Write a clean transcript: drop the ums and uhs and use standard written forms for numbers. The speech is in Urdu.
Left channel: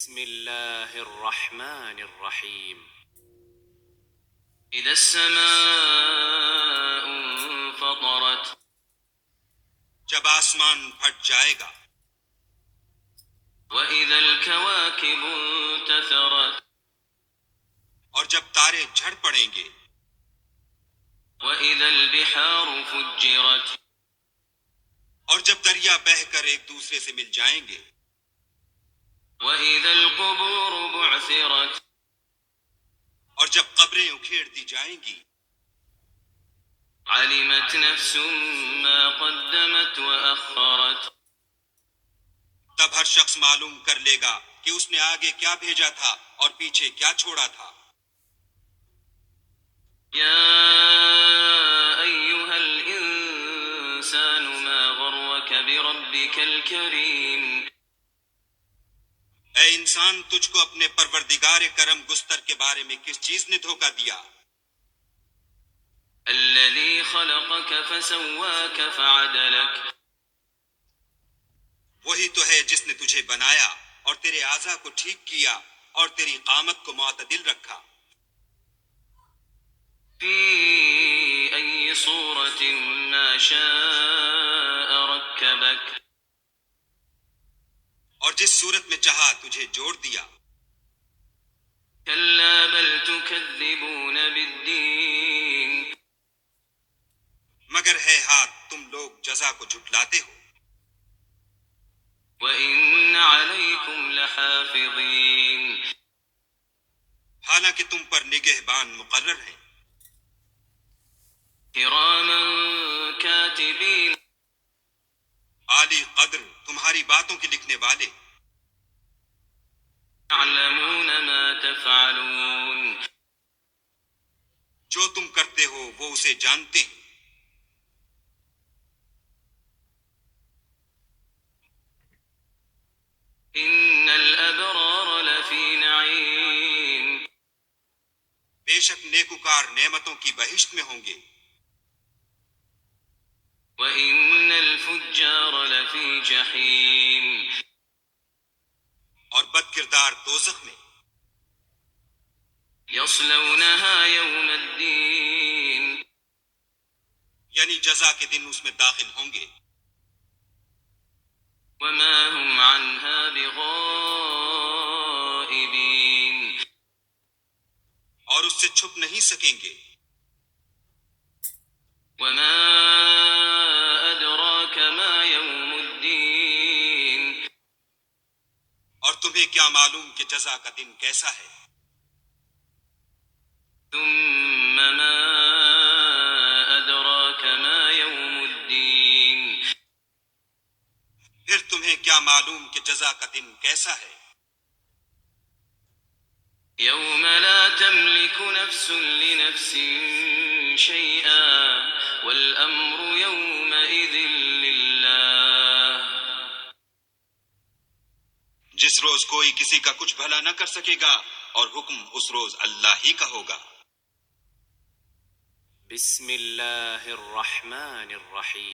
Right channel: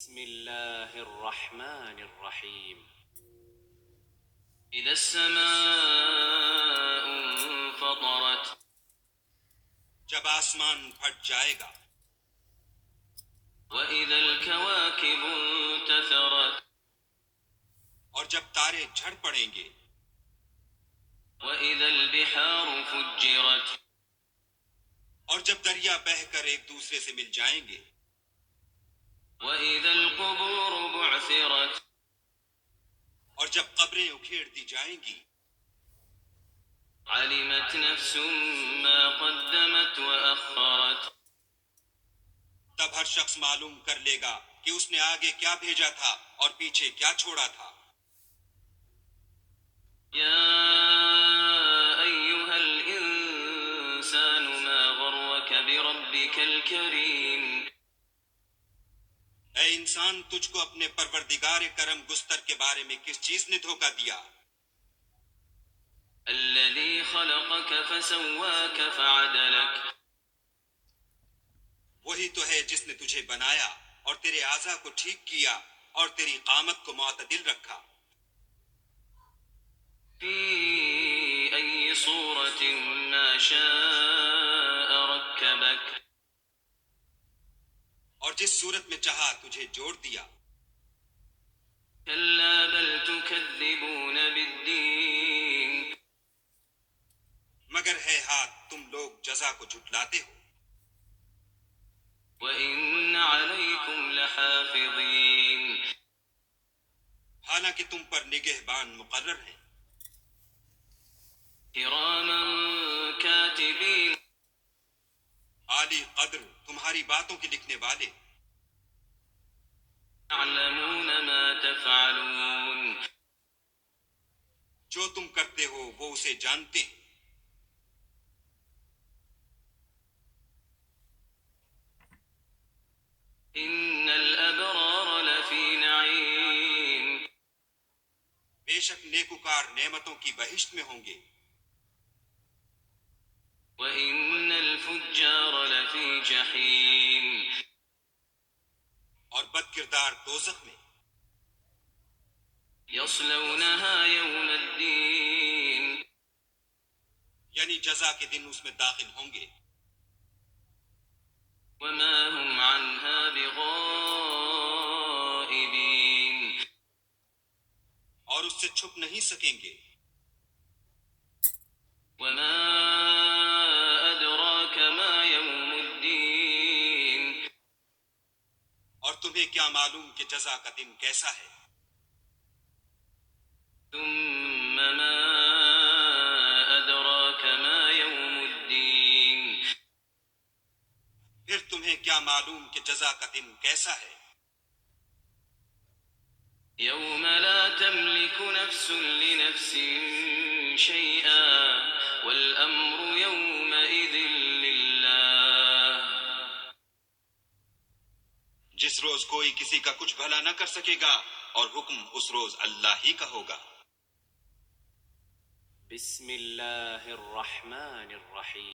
بسم الله الرحمن الرحيم إذا السماء انفطرت جب آسمان پھٹ جائے گا، وإذا الكواكب انتثرت اور جب تارے جھڑ پڑیں گے، وإذا البحار فجرت اور جب دریا بہہ کر ایک دوسرے سے مل جائیں گے، وإذا القبور بعثرت اور جب قبریں اکھیڑ دی جائیں گی، علمت نفس ما قدمت وأخرت تب ہر شخص معلوم کر لے گا کہ اس نے آگے کیا بھیجا تھا اور پیچھے کیا چھوڑا تھا۔ يا أيها الإنسان ما غرك بربك الكريم اے انسان، تجھ کو اپنے پروردگار کرم گستر کے بارے میں کس چیز نے دھوکہ دیا؟ الذي خلقك فسواك فعدلك وہی تو ہے جس نے تجھے بنایا اور تیرے اعضاء کو ٹھیک کیا اور تیری قامت کو معتدل رکھا۔ في أي صورة ما شاء ركبك اور جس صورت میں چاہا تجھے جوڑ دیا۔ كلا بل تكذبون بالدين مگر ہے ہاتھ تم لوگ جزا کو جھٹلاتے ہو، وإن عليكم لحافظين حالانکہ تم پر نگہبان مقرر ہیں، كراما كاتبين عالی قدر تمہاری باتوں کے لکھنے والے، يعلمون ما تفعلون جو تم کرتے ہو وہ اسے جانتے ہیں۔ إن الأبرار لفي نعيم بے شک نیکوکار نعمتوں کی بہشت میں ہوں گے، وإن الفجار لفي جحيم اور بد کردار دوزخ میں، يصلونها يوم الدين یعنی جزا کے دن اس میں داخل ہوں گے، وما هم عنها بغائبين اور اس سے چھپ نہیں سکیں گے۔ وما أدراك ما يوم الدين اور تمہیں کیا معلوم کہ جزا کا دن کیسا ہے؟ ثم ما أدراك ما يوم الدين پھر تمہیں کیا معلوم کہ جزا کا دن کیسا ہے؟ يوم لا تملك نفس لنفس شيئا والأمر يومئذ لله جس روز کوئی کسی کا کچھ بھلا نہ کر سکے گا اور حکم اس روز اللہ ہی کا ہوگا۔ بسم الله الرحمن الرحيم